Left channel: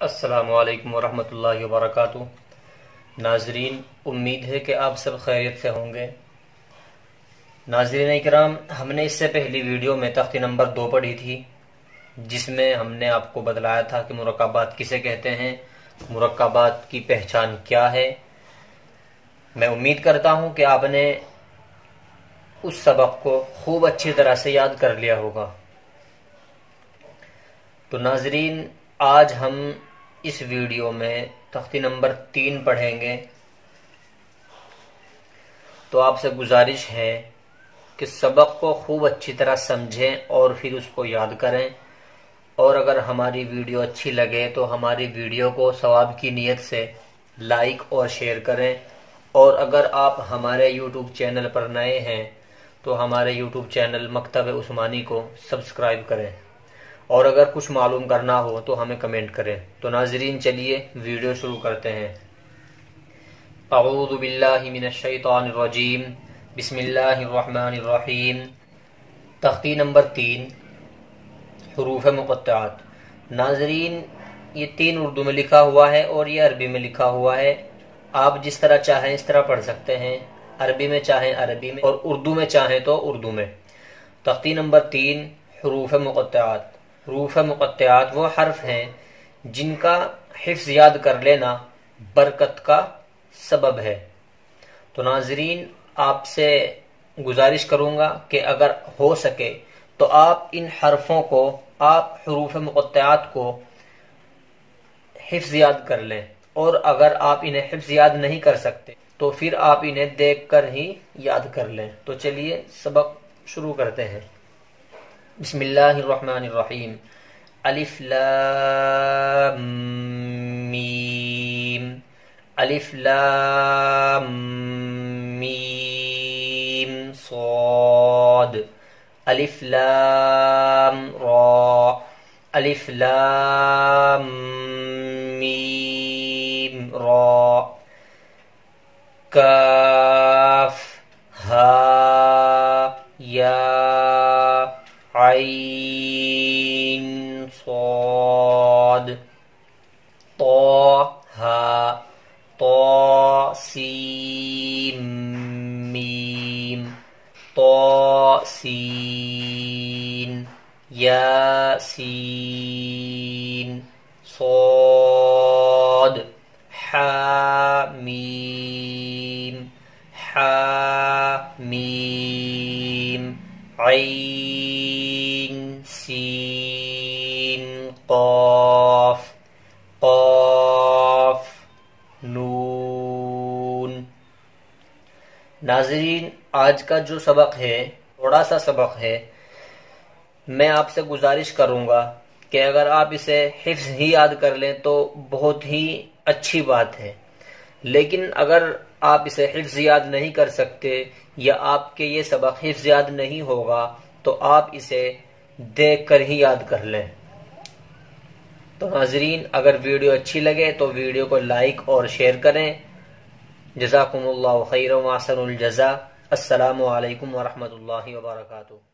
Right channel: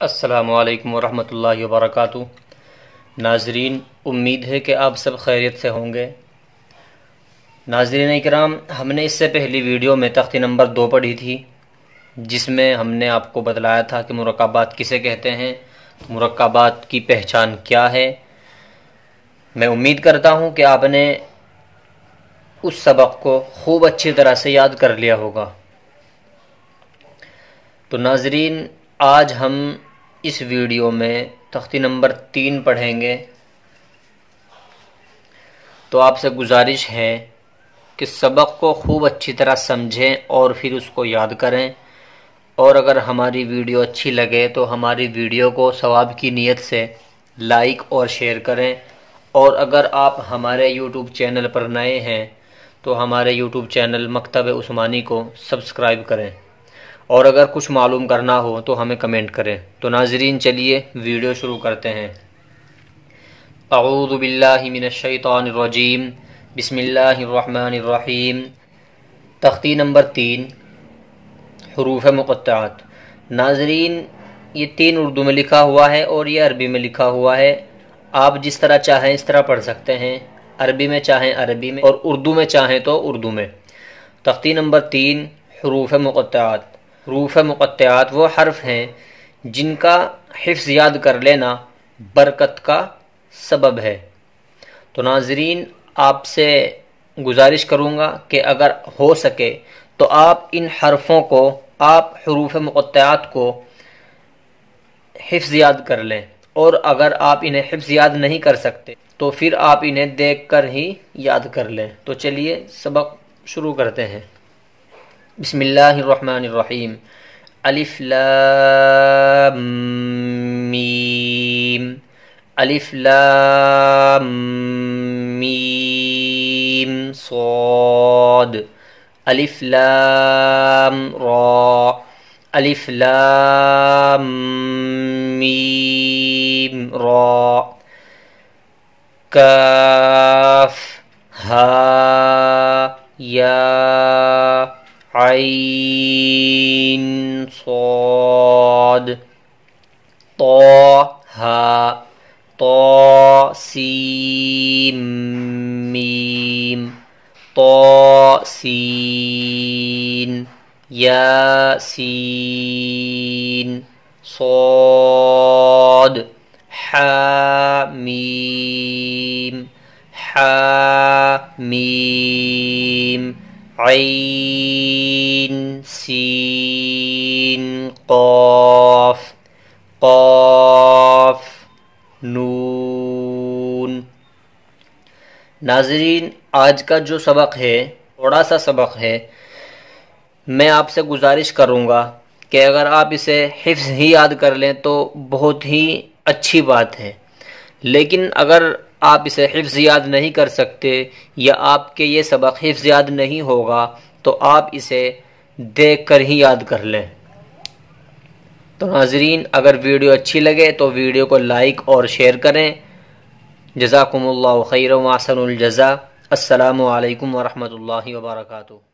السلام علیکم ورحمۃ اللہ وبرکاتہ۔ ناظرین، امید ہے کہ آپ سب خیریت سے ہوں گے۔ ناظرین اکرام، ہم نے اس سے پہلی ویڈیو میں تختی نمبر 2 پڑھی تھی، جس میں ہم نے آپ کو بتلایا تھا کہ مرکبات کسے کہتے ہیں، مرکبات کی پہچان کیا ہے۔ میں امید کرتا ہوں کہ آپ نے اس سبق کو خوب اچھی طرح سے یاد کر لیا ہوگا۔ تو ناظرین، آج ہم اس ویڈیو میں تختی نمبر 3 پڑھیں گے۔ تو آپ سے گزارش ہے کہ سبق کو خوب اچھی طرح سمجھیں اور پھر اس کو یاد کریں، اور اگر ہماری ویڈیو اچھی لگے تو ہماری ویڈیو کو ثواب کی نیت سے لائک اور شیئر کریں، اور اگر آپ ہمارے یوٹیوب چینل پر نئے ہیں تو ہمارے یوٹیوب چینل مکتب عثمانی کو سبسکرائب کریں، اور اگر کچھ معلوم کرنا ہو تو ہمیں کمنٹ کریں۔ تو ناظرین، چلیے ویڈیو شروع کرتے ہیں۔ اعوذ باللہ من الشیطان الرجیم، بسم اللہ الرحمن الرحیم۔ تختی نمبر 3، حروف مقطعات۔ ناظرین، یہ 3 اردو میں لکھا ہوا ہے اور یہ عربی میں لکھا ہوا ہے۔ آپ جس طرح چاہیں اس طرح پڑھ سکتے ہیں، عربی میں چاہیں عربی میں، اور اردو میں چاہیں تو اردو میں۔ تختی نمبر 3، حروف مقطعات۔ حروف مقطعات وہ حرف ہیں جن کا حفظ یاد کر لینا برکت کا سبب ہے۔ تو ناظرین، آپ سے گزارش کروں گا کہ اگر ہو سکے تو آپ ان حرفوں کو، آپ حروف مقطعات کو حفظ یاد کر لیں، اور اگر آپ انہیں حفظ یاد نہیں کر سکتے تو پھر آپ انہیں دیکھ کر ہی یاد کر لیں۔ تو چلیے سبق شروع کرتے ہیں۔ بسم اللہ الرحمن الرحیم۔ الف لام میم، الف لام میم صاد، الف لام را، الف لام میم را، کاف ہا یا عین صاد، طٰ طا سین میم، طا سین یا سین صاد، حا میم، حا میم، عین سین قاف، قاف نون۔ ناظرین، آج کا جو سبق ہے تھوڑا سا سبق ہے۔ میں آپ سے گزارش کروں گا کہ اگر آپ اسے حفظ ہی یاد کر لیں تو بہت ہی اچھی بات ہے، لیکن اگر آپ اسے حفظ یاد نہیں کر سکتے یا آپ کے یہ سبق حفظ یاد نہیں ہوگا تو آپ اسے دیکھ کر ہی یاد کر لیں۔ تو ناظرین، اگر ویڈیو اچھی لگے تو ویڈیو کو لائک اور شیئر کریں۔ جزاکم اللہ خیرا و احسن الجزاء۔ السلام علیکم ورحمۃ اللہ وبرکاتہ۔